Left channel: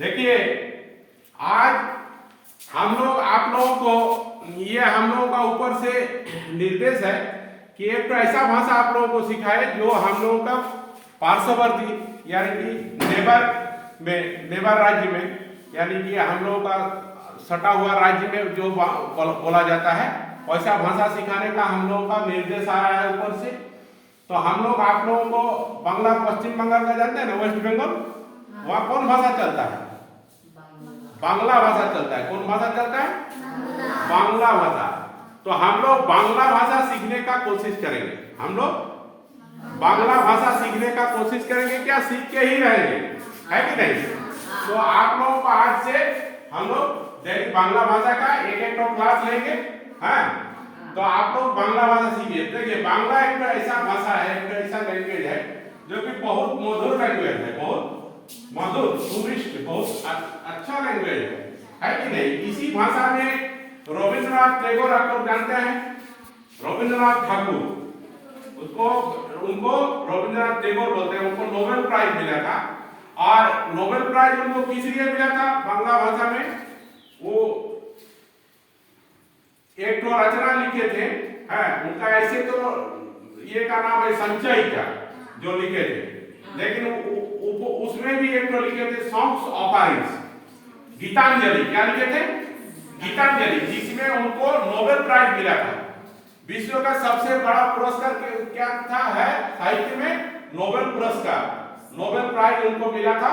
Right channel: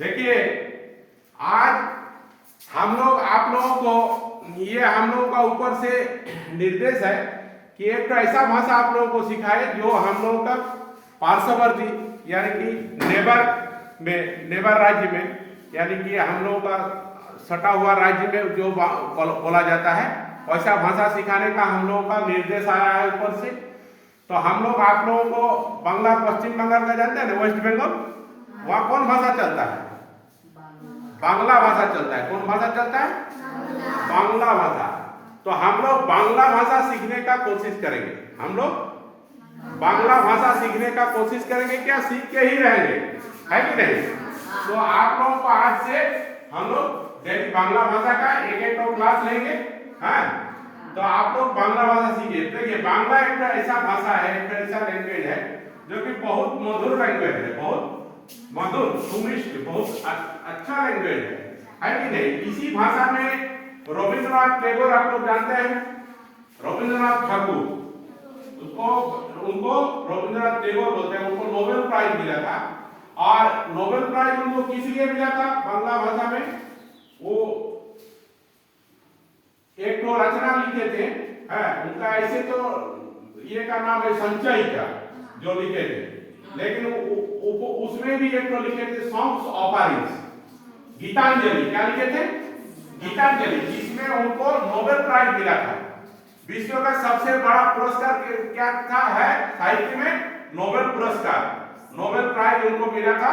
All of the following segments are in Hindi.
देखिए आज हम लोग आप लोगों को ये हम लोगों का ऊपर से निर्देश है कि एक ऐसा भाषा आप लोगों को सिखाए जो हम लोगों का पार्श्ववर्ती यानी कि नेबर राज्य में यानी कि हम लोगों का सटा हुआ राज्य में जो बोला जाता है वैसा भाषा सिखाने का हम लोगों का निर्देश आ रहा है ऊपर से। तो हम लोग आप लोगों को बांग्ला पश्चिम बंगाल का जानते हैं ना, वेस्ट बंगाल, वहाँ कौन भाषा चलता है? बांग्ला भाषा चलता है। कौन भाषा चलता है? बांग्ला भाषा। तो हम लोग बांग्ला भाषा सीखने का कोशिश करेंगे। हम लोग बांग्ला भाषा सीखने का कोशिश करेंगे, क्या सीख के ही रहेंगे, है कि नहीं? तो आप लोगों को आज से हम लोग जैसे बांग्ला भाषा का एक क्लास लेंगे, हैं? तो आप लोग बांग्ला भाषा सीखिए। देखिए बांग्ला एक ऐसा भाषा है, एक ऐसा लैंग्वेज है जो कि बहुत मधुर लैंग्वेज है, बहुत मधुर, सुमिष्ट, बहुत अच्छा लैंग्वेज है कि नहीं? इसी भाषा में रविंद्रनाथ टैगोर आप लोग जानते हैं, रविंद्रनाथ ठाकुर, उनको रविंद्रनाथ टैगोर बोलते हैं। उनको नोबेल प्राइज मिला था और नोबेल प्राइज उनको किस लिए मिला था? बांग्ला भाषा में वो एक तो रचना लिखे थे, है उनका ऐसे तो ये का नाम है संचय का जो लिखे थे, लेकिन उसमें भी एक तो लिखे थे सॉन्ग्स ऑफरिंग्स, गीतांजलि। क्या लिखे थे? गीतांजलि, जिसमें उनको नोबेल प्राइज मिला था। विश्व का सबसे बड़ा पुरस्कार क्या था? है साहित्य में नोबेल पुरस्कार, नोबेल प्राइज उनको मिला था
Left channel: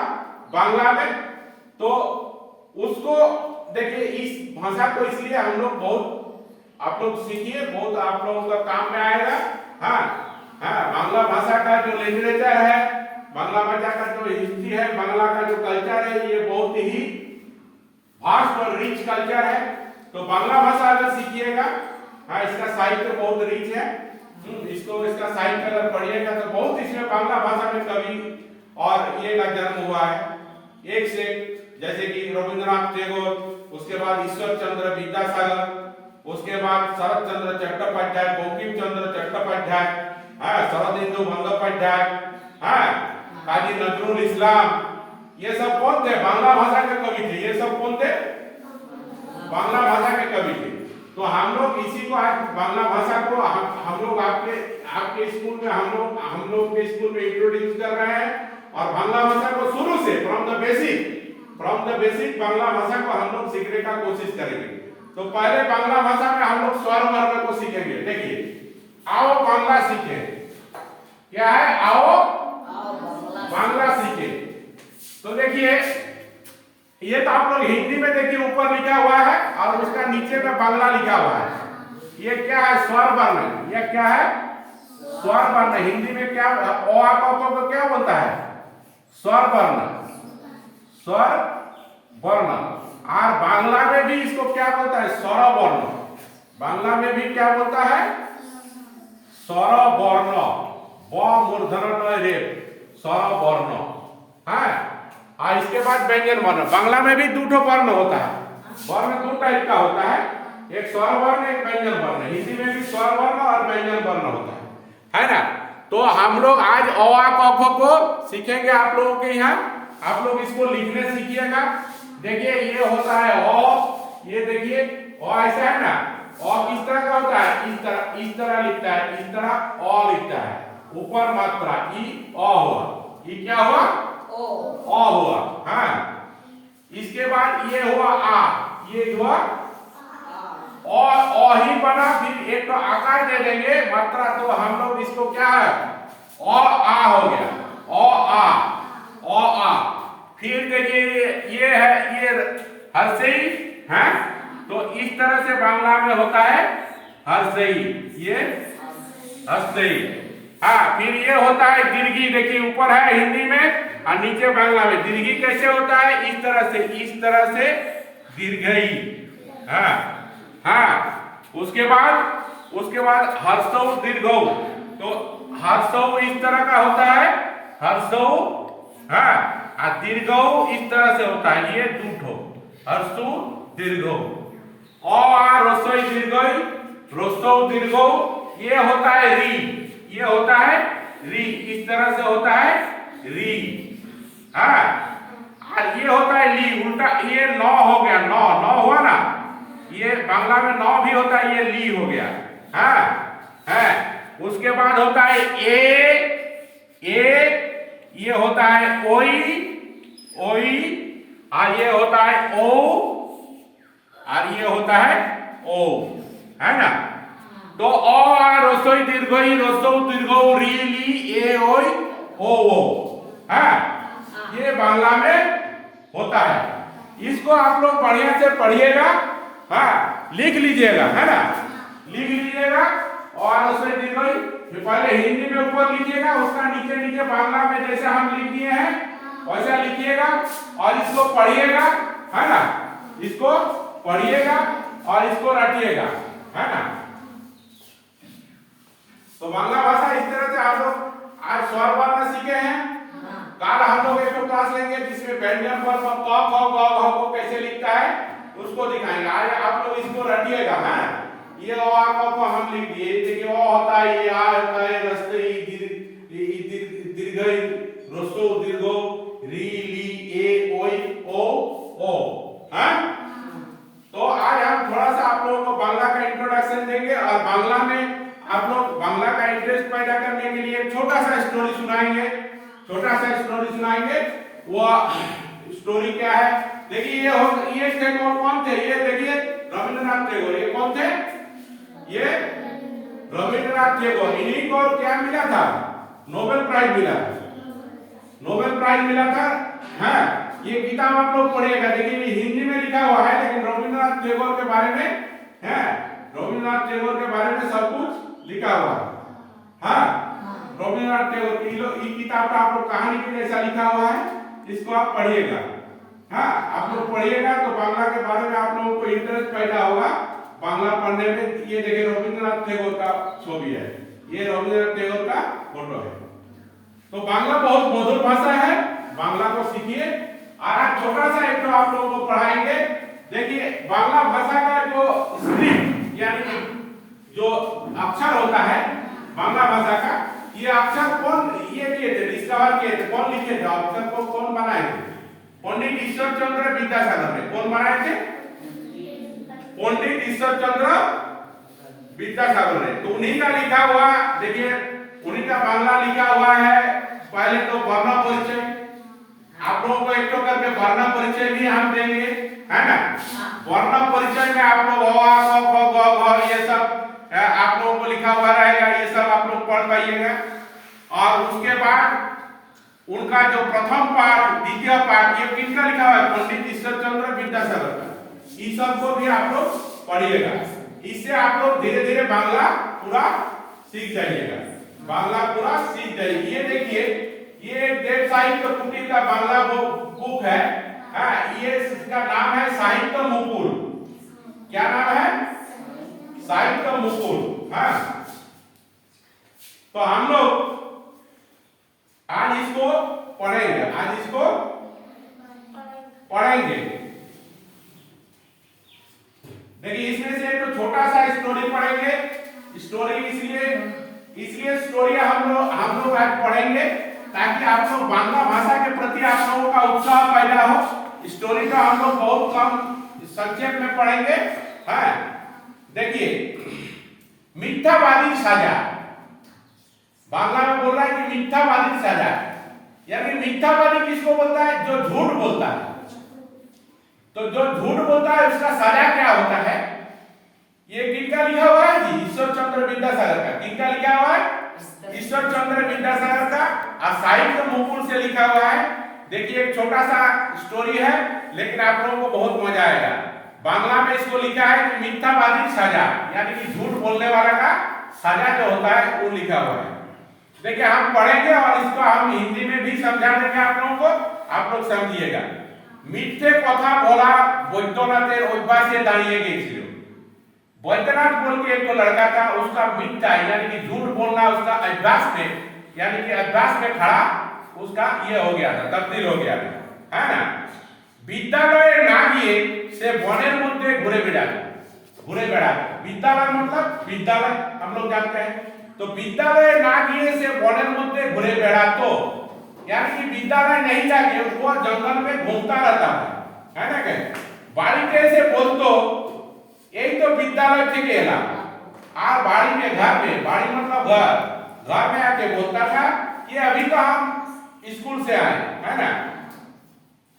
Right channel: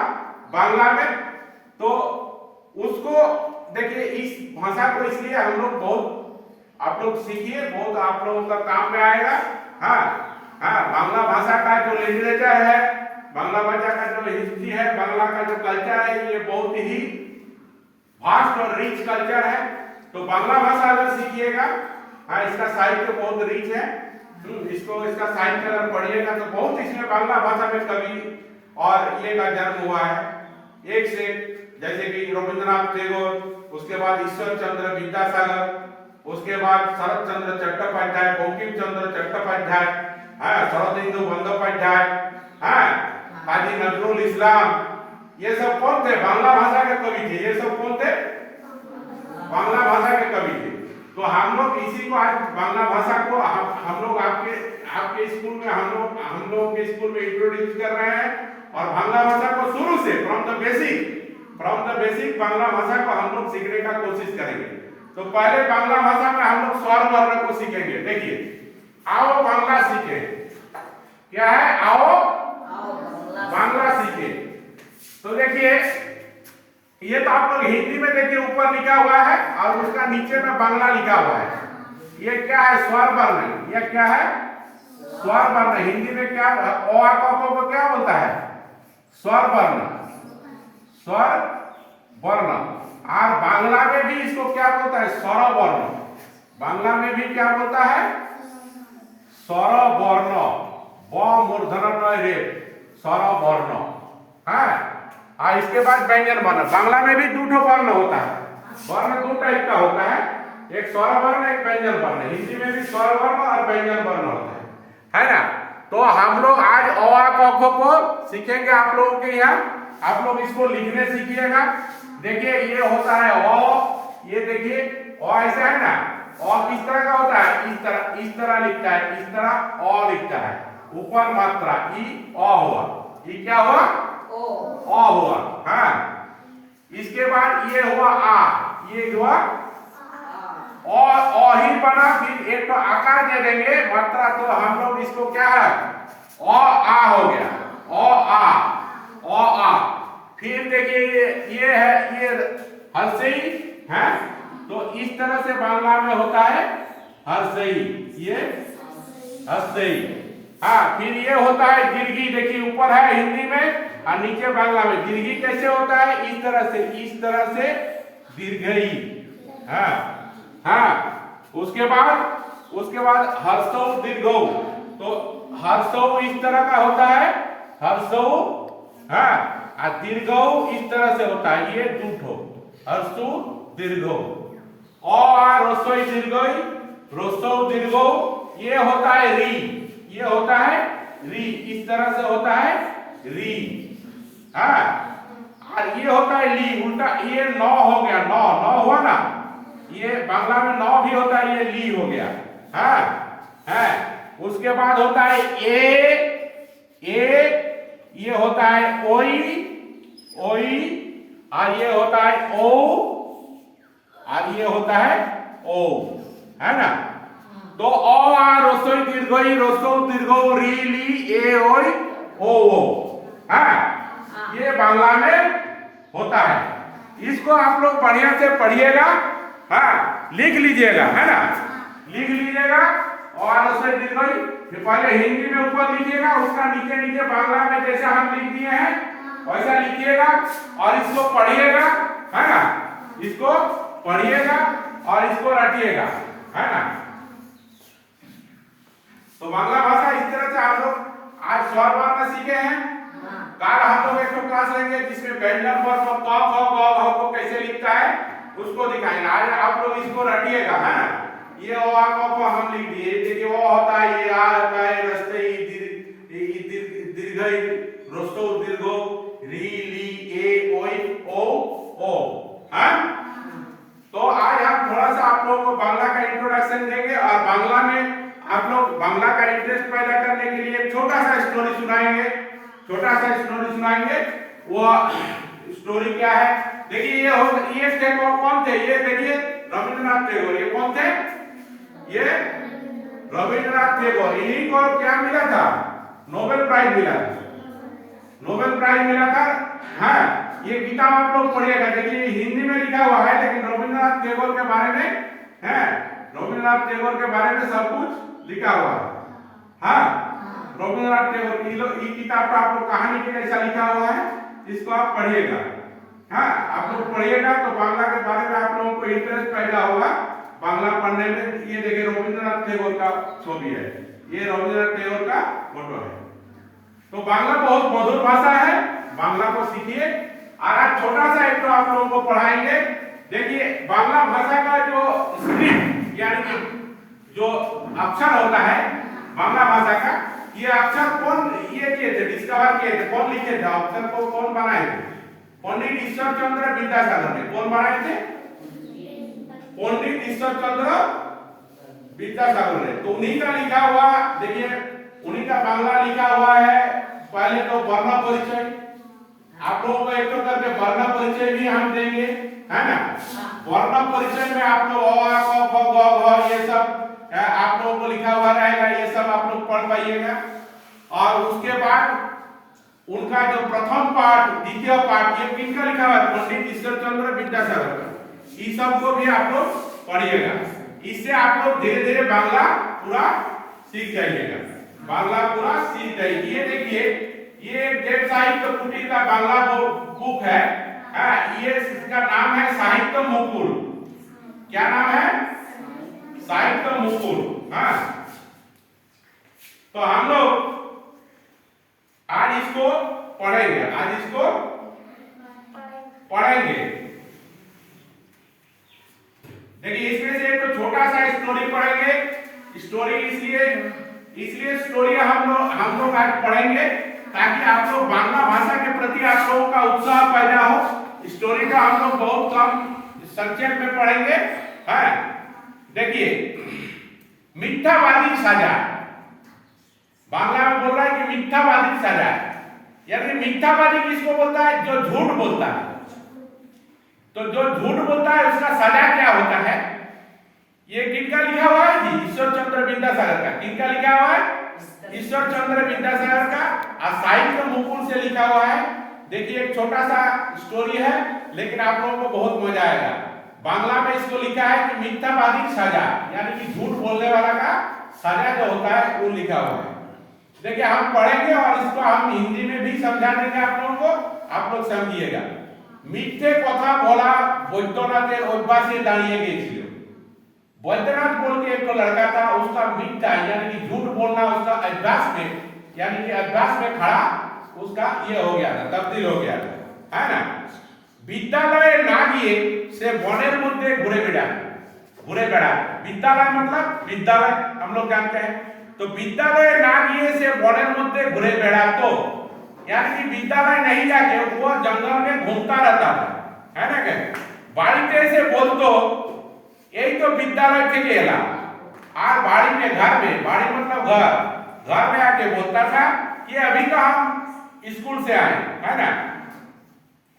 बांग्ला में। तो उसको देखिए, इस भाषा को इसलिए हम लोग बहुत आप लोग सीखिए, बहुत आप लोगों का काम में आएगा। हाँ हाँ, बांग्ला भाषा का जो लिटरेचर है, बांग्ला भाषा का जो हिस्ट्री है, बांग्ला का जो कल्चर है, ये बहुत ही वास्ट और रिच कल्चर है। तो बांग्ला भाषा अगर सीखिएगा, हाँ इसका साहित्य बहुत रिच है, इसका साहित्य अगर पढ़िएगा तो बहुत इसमें बांग्ला भाषा में कवि और ये का जन्म हुआ है एक से, जैसे कि रविंद्रनाथ टैगोर, उसके बाद ईश्वर चंद्र विद्यासागर, उसके बाद शरद चंद्र चट्टोपाध्याय, बंकिम चंद्र चट्टोपाध्याय, शरदिंदु बंदोपाध्याय, काजी नजरुल इस्लाम, ये सब कौन थे? बांग्ला भाषा के कवि थे। ये सब कौन थे? बांग्ला भाषा के कवि थे। तो हम लोग इसी को आज बांग्ला भाषा को हम लोग आपके स्कूल में हम लोग के स्कूल में इंट्रोड्यूस कर रहे हैं और बांग्ला भाषा को शुरू से फ्रॉम द बेसिक बांग्ला भाषा को हम लोग सीखने का कोशिश करेंगे। तो पहले बांग्ला भाषा में हम लोग स्वर वर्ण को सीखेंगे। देखिए, आओ बांग्ला सीखे। क्या है? आओ बांग्ला सीखे। तो देखिए, ये तो आप लोग हिंदी में देखिए ऊपर लिखा हुआ है और उसका नीचे में बांग्ला लिखा हुआ है। ये क्या है? स्वर वर्ण। ये क्या है? स्वर वर्ण। हिंदी में क्या ओ आ क को क्या बोलता है? स्वर वर्ण, स्वर वर्ण। और बांग्ला में भी इसको क्या बोलता है? स्वर वर्ण। बांग्ला में भी क्या बोलता है? स्वर वर्ण, ब मूर्धन न रे, स्वर वर्ण है। और इसके बाद व्यंजन वर्ण। बांग्ला में भी दो वर्ण होता है, वर्ण दो टाइप का होता है, एक स्वर वर्ण, एक व्यंजन वर्ण। हिंदी में भी स्वर वर्ण और व्यंजन वर्ण होता है ना? तो हम लोग आज अ आ क ख को सीखेंगे आप लोगों के यहाँ। आप लोग इसको लिखने सीखिएगा। देखिए, ये होता है अ, ये देखिए अ ऐसा है ना, अ किस तरह का होता है? इस तरह लिखता है, इस तरह अ लिखता है, ऊपर मात्रा ई अ हुआ, ई क्या हुआ? अ हुआ। हाँ, इसके बाद ये हुआ आ, ये हुआ अ ही बना। फिर एक तो आकार दे देंगे मात्रा, तो हम लोग इसको क्या है? अ आ हो गया, अ आ। फिर देखिए ये है, ये हर्षई है। तो इस तरह से बांग्ला में होता है हर्षई, ये हर्षई। हाँ, फिर ये होता है दीर्घी। देखिए ऊपर है हिंदी में और नीचे बांग्ला में। दीर्घी कैसे होता है? इस तरह से दीर्घई। हाँ, उसके बाद हर्षौ दीर्घौ। तो हर्षौ इस तरह का होता है, हर्षौ, हाँ, और दीर्घौ इस तरह से होता है। ये दूठो हर्षु दीर्घौ। और रसोई दीर्घई, रसौ दीर्घौ, ये होता है री, ये होता है री, इस तरह से होता है री। हाँ, और ये होता है ली, उल्टा ये नौ हो गया, नौ नौ हुआ ना, ये बांग्ला में नौ भी होता है, ये ली हो गया। है उसके बाद होता है ये होता है ओई, और ये होता है ओ, और ये होता है ओ, है ना। तो ओ आ रसोई दीर्घई, रसो दीर्घो री ली ए ओई ओ, ये बांग्ला में होता है। इसको आप लोग बढ़िया से पढ़िएगा, लिख लीजिएगा, है ना, लिख लीजिएगा। और रसोई दीर्घई पहले हिंदी में ऊपर लिखिएगा, उसका नीचे नीचे बांग्ला में जैसे हम लिख दिए हैं वैसा लिखिएगा, और इसको पढ़िएगा, है ना, इसको पढ़िएगा और इसको रटिएगा, है ना। तो बांग्ला भाषा इस तरह से आप लोग आज स्वर वर्ण सीखे हैं। कल हम लोग एक क्लास लेंगे जिसमें व्यंजन वर्ग क ख ग घ को कैसे लिखता है उसको दिखाएंगे। आज आप लोग इसको रटिएगा, है ना। ये ओ आ क ख हम लिख दिए, देखिए ओ होता है, ये आ होता है, रस्ते दीर्घ रस्तो दीर्घो री ली ए ओई ओ, हैं। तो आज हम थोड़ा सा आप लोगों को बांग्ला का इंट्रोडक्शन देंगे, और बांग्ला में आप लोग बांग्ला का इंटरेस्ट पैदा करने के लिए एक छोटा सा स्टोरी सुनाएंगे, वो स्टोरी क्या है। देखिए ये टैगोर कौन थे, ये देखिए रविंद्रनाथ टैगोर। ये कौन थे, ये रविंद्रनाथ टैगोर। इन्हीं को क्या मिला था, नोबेल प्राइज मिला था। ये किताब आप लोग पढ़िएगा, देखिए हिंदी में लिखा हुआ है, लेकिन रविंद्रनाथ टैगोर के बारे में रविंद्रनाथ टैगोर के बारे में सब कुछ लिखा हुआ है। रविंद्रनाथ टैगोर की किताब का आप लोग कहानी के जैसा लिखा हुआ है, इसको आप पढ़िएगा। आप लोग पढ़िएगा तो बांग्ला के बारे में आप लोगों को इंटरेस्ट पैदा होगा बांग्ला पढ़ने में। ये देखिए रविंद्रनाथ टैगोर का छवि है, ये रविंद्रनाथ टैगोर का फोटो है। तो बांग्ला बहुत मधुर भाषा है, बांग्ला को सीखिए। और आज छोटा सा एक तो आप लोगों को पढ़ाएंगे। देखिए बांग्ला भाषा का जो स्क्रिप्ट यानी कि जो अक्षर होता है बांग्ला भाषा का, ये अक्षर कौन ये किए थे, डिस्कवर किए थे, कौन लिखे थे अक्षर को, कौन बनाए थे? पंडित ईश्वर चंद्र विद्यासागर ने। कौन बनाए थे? पंडित ईश्वर चंद्र विद्यासागर ने। तो उन्हीं का लिखा हुआ, देखिए उन्हीं का बांग्ला लिखा हुआ है। पहले तो वर्ण परिचय, आप लोगों को एक तो करके वर्ण परिचय भी हम देंगे, है ना। वर्ण परिचय में आप लोग अ आ क ख ग घ ये सब आप लोगों को लिखा हुआ रहेगा, ये सब आप लोग पढ़ पाइएगा। और उसके बाद उनका जो प्रथम पाठ, द्वितीय पाठ, ये किनका लिखा हुआ है? पंडित ईश्वर चंद्र विद्यासागर का। इस सब को भी आप लोग पढ़िएगा। इससे आप लोग धीरे धीरे बांग्ला पूरा सीख जाइएगा, बांग्ला पूरा सीख जाइए। ये देखिए ये एक देव साहित्य कुटीर का बांग्ला बुक है। ये इसका नाम है साहित्य मुकुल। क्या नाम है? साहित्य मुकुल। तो हम लोग आज इसको पढ़ेंगे, देखिए इसमें से एक तो छोटा सा स्टोरी पढ़ेंगे। स्टोरी इसलिए स्टोरी हम लोग आज पढ़ेंगे ताकि आप लोग बांग्ला भाषा के प्रति आप लोगों का उत्साह पैदा हो। स्टोरी का हम लोग बहुत कम संक्षेप में पढ़ेंगे। देखिए मिथ्यावादी सजा, बांग्ला में बोल रहा है कि मिथ्यावादी सजा, यानी मिथ्यावादी किसको बोलता है? जो झूठ बोलता है। तो जो झूठ बोलता है उसका सजा क्या होता है? ये किनका लिखा हुआ है जी? ईश्वर चंद्र विद्यासागर का। किनका लिखा हुआ है? ईश्वर चंद्र विद्यासागर का। और साहित्य मुकुल से लिखा हुआ है। देखिए एक छोटा सा स्टोरी है, लेकिन आप लोगों को बहुत मजा आएगा। बांग्ला में इसको लिखा है कि मिथ्यावादी सजा, यानी कि झूठ बोलने वाला का सजा जो होता है वो लिखा हुआ है। देखिए हम पढ़ेंगे और इसको हम हिंदी में भी समझा देंगे आप लोगों को, आप लोग समझिएगा। मिथ्ये कथा बोला বৈদ্যনাথের অভ্যাসে দাঁড়িয়ে গিয়েছিল। बैद्यनाथ बोल के एक तो लड़का था, उसका मिथ्या यानी कि झूठ बोलना उसका अभ्यास में, यानी कि अभ्यास में खड़ा उसका ये हो गया था, तब्दील हो गया था, है ना। विद्यालय ना गए से वनेर मध्य घुरे बेड़ा। विद्यालय मतलब विद्यालय हम लोग जानते हैं। तो विद्यालय ना गए से वनेर मध्य घुरे बेड़ा। तो यानी कि विद्यालय नहीं जाके वो जंगल में घूमता रहता था, है ना? क्या बाड़ी से बोल दो यही तो विद्यालय थे गेला आ बाड़ी में घर में, बाड़ी मतलब घर में आके बोलता था कि अभी तो हम स्कूल से आए, है ना?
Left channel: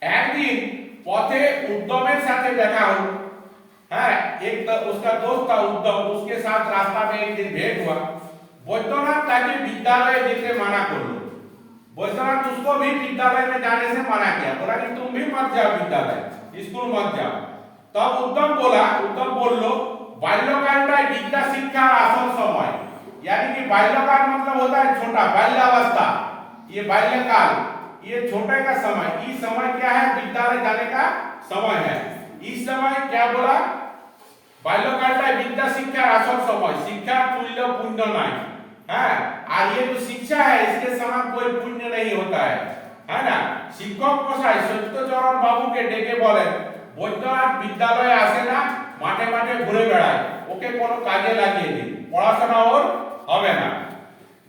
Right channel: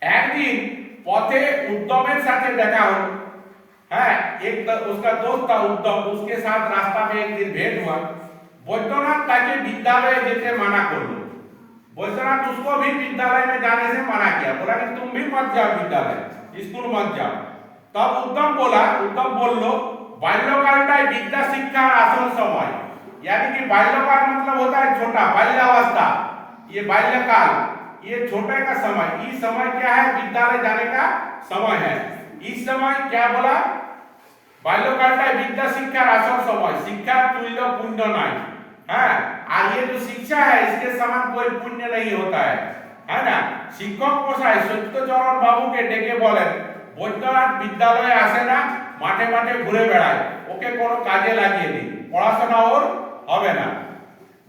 एक दिन पौधे उद्धवेर साथे देखा हो, है एक तो उसका दोस्त था उद्धव, उसके साथ रास्ता में एक दिन भेंट हुआ। बैद्यनाथ ताके विद्यालय जेते मना कर लो, बैद्यनाथ उसको भी विद्यालय में जाने से मना किया, बोला कि तुम भी मत जाओ विद्यालय, स्कूल मत जाओ। तब उद्धव बोल लो बाल्यकालटा विद्या शिक्षा आसन समय, यानी कि बाल्यकाल मतलब होता है छोटा, बाल्यावस्था, ये बाल्यकाल, ये छोटे का समय, इस समय क्या है? विद्यालय जाने का समय है। इस समय क्या बोला? बाल्यकालटा विद्या शिक्षा आसन समय, शिक्षा तुल्य पुण्य नहीं है। और ये जो शिक्षा है इसके समान कोई पुण्य नहीं होता है ना? शिक्षक कोसाई सत्यचरण बाबू के डेके बोले बैद्यनाथ विद्यालय आसे ना माठे माठे घुरे बेड़ाय, ओके कोनो काजे লাগিয়ে দিন, পড়াশোনা ওর হবে না।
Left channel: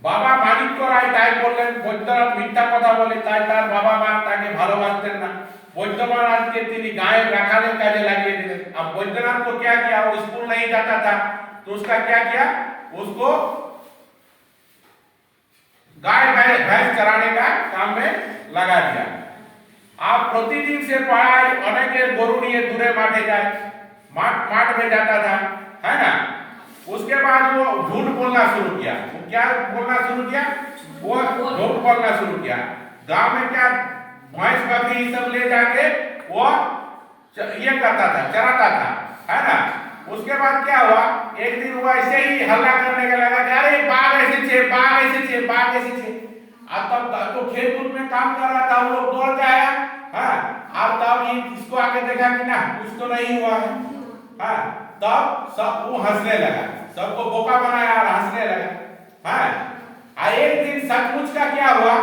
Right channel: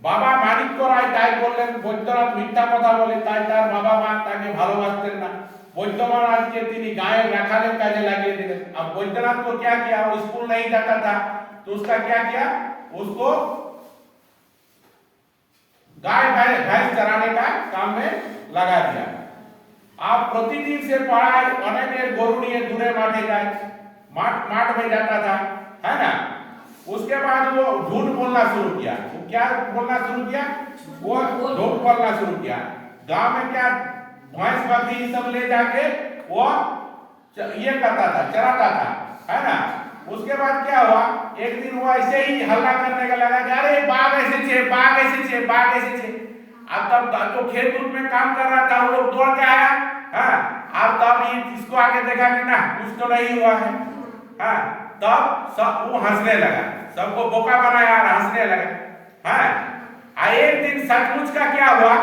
বাবা মানিক্য রায় তাই বললেন বৈদ্যনাথ মিথ্যা কথা বলে, তাই তার বাবা মা তাকে ভালোবাসতেন না। বৈদ্যনাথকে তিনি गाय রাখালের কাজে লাগিয়ে দিলেন। अब बैद्यनाथ को क्या किया? वो स्कूल नहीं जाता था तो उसका क्या किया? उसको गाय भैंस चराने का काम में लगा दिया। आप प्रतिदिन से पढ़ाई अनेक गोरु लिए दूरे माठे जाए, माठ में जाता था, है ना? उसके बाद वो झूठ बोलना शुरू किया। वो क्या बोलना शुरू किया? वो झूठ बोलना शुरू किया। गांव में क्या भैंस बकरी सब ले जाके वो ये करता था, चराता था, है ना? उसके बाद क्या हुआ? एक दिन वो ऐसे ही हल्ला करने का लगा कि अरे बाघ ऐसे छे, बाघ ऐसे छे, बाघ ऐसे छे। अब तब जो खेत में काम कर रहा था वो लोग दौड़ के आया, हाँ, अब तब ये इसको आके देखा कि ना कुछ तो नहीं हुआ है, हाँ, तब सब वो हंसने लगा, सबको बोका बनाया और हंसने लगा, हाँ। एक दिन सचमुच का क्या हुआ?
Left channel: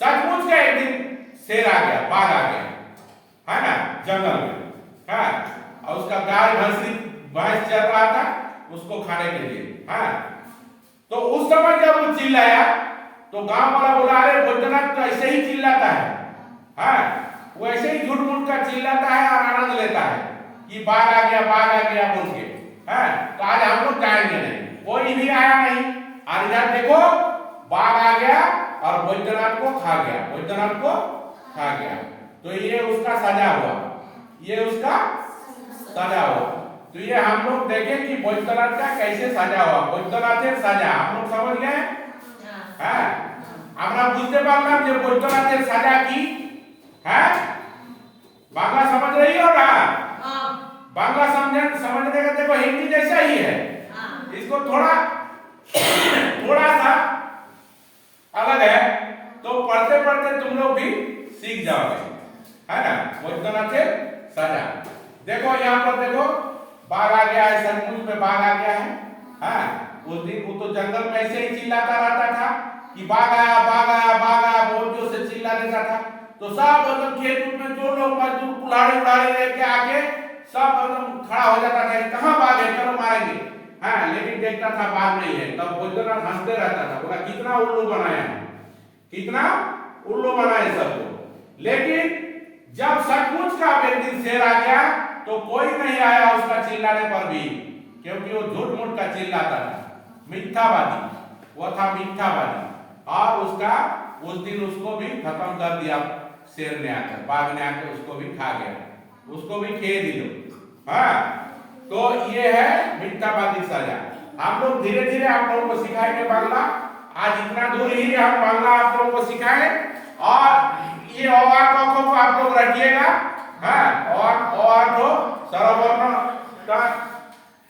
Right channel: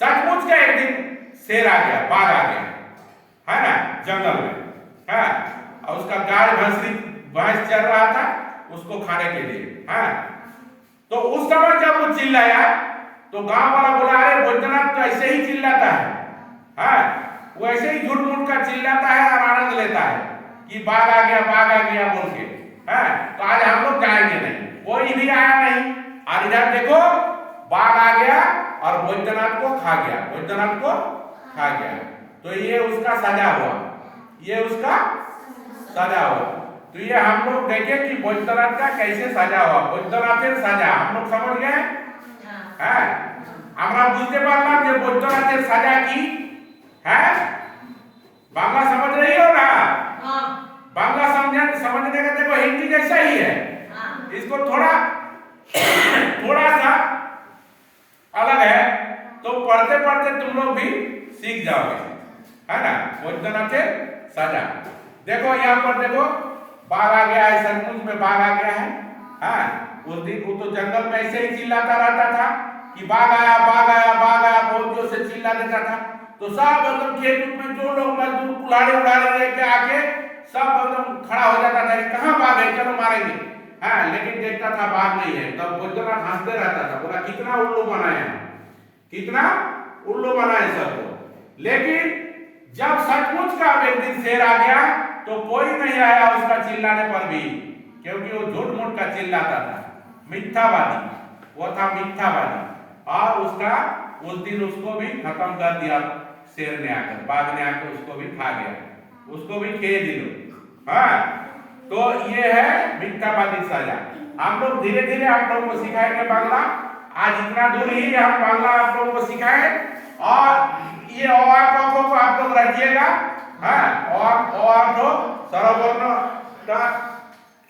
सचमुच का एक दिन शेर आ गया, बाघ आ गया, है ना, जंगल में, हाँ, और उसका गाय भैंस चल रहा था उसको खाने के लिए, हाँ। तो उस समय जब वो चिल्लाया तो गांव वाला बोला अरे बैद्यनाथ तो ऐसे ही चिल्लाता है, हाँ, वो ऐसे ही झूठ मूठ का चिल्लाता है और आनंद लेता है कि बाघ आ गया बोल के, हाँ। तो आज हम लोग जाएंगे नहीं, कोई भी आया नहीं, और इधर देखो बाघ आ गया और बैद्यनाथ को खा गया, बैद्यनाथ को खा गया। तो ये उसका सजा हुआ, ये उसका सजा हुआ। तो ये हम लोग देखें कि बैद्यनाथ का कैसे सजा हुआ, बैद्यनाथेर सजा हम लोग समझ गए, হ্যাঁ? আমরা বুঝতে পারলাম যে বৈদ্যনাথের সাজা কি, হ্যাঁ? बांग्ला समझ रही हो ना? बांग्ला समझने का देखो हिंदी जैसा ही है, इसको थोड़ा सा अलग है, तो पढ़ते पढ़ते तुम लोग भी सीख जाओगे, है ना? बैद्यनाथेर सजा देखो, यहाँ पर देखो बाघ आ गया है, सचमुच में बाघ आ गया है, हाँ। उस दिन वो तो जंगल में ऐसे ही चिल्लाता रहता था कि बाघ आया बहुत जोर से चिल्ला देता था। तो सब एकदम खेत में जो लोग मजदूर कुल्हाड़ी लेके आके सब एकदम खड़ा हो जाता था कि कहाँ बाघ है, चलो मारेंगे, हाँ। लेकिन देखता था बाघ नहीं है, तब बैद्यनाथ हंसते रहता था, बोला कितना उल्लू बनाया, कितना उल्लू बनाए सबको। लेकिन जब सचमुच का एक दिन शेर आ गया तो कोई नहीं आया उसका चिल्लाने पर भी, क्योंकि वो झूठ मूठ का चिल्लाता था, मिथ्यावादी, वो था मिथ्यावादी। और उसका उस दिन उसको भी खत्म कर दिया शेर ने आकर, बाघ ने आकर उसको भी खा गया, उसको भी खे दिलो, हाँ। तो ये है मिथ्यावादी सजा। हम लोग धीरे धीरे आप लोगों को सिखाएंगे बांग्ला। आज इतना दूर ही हम बांग्ला आप लोगों को सिखाएं, और ये अ क को आप लोग रखिएगा, हाँ, और तो स्वरवर्ण का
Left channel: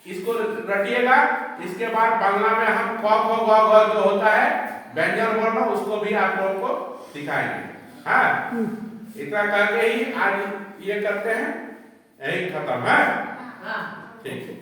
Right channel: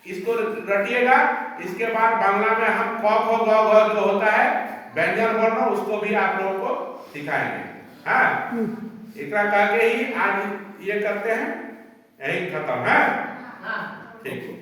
इसको रटिएगा। इसके बाद बांग्ला में हम क ख ग घ जो होता है व्यंजन वर्ण, उसको भी आप लोगों को सिखाएंगे, हाँ। इतना करके ही आज ये करते हैं, यही खत्म है, ठीक है।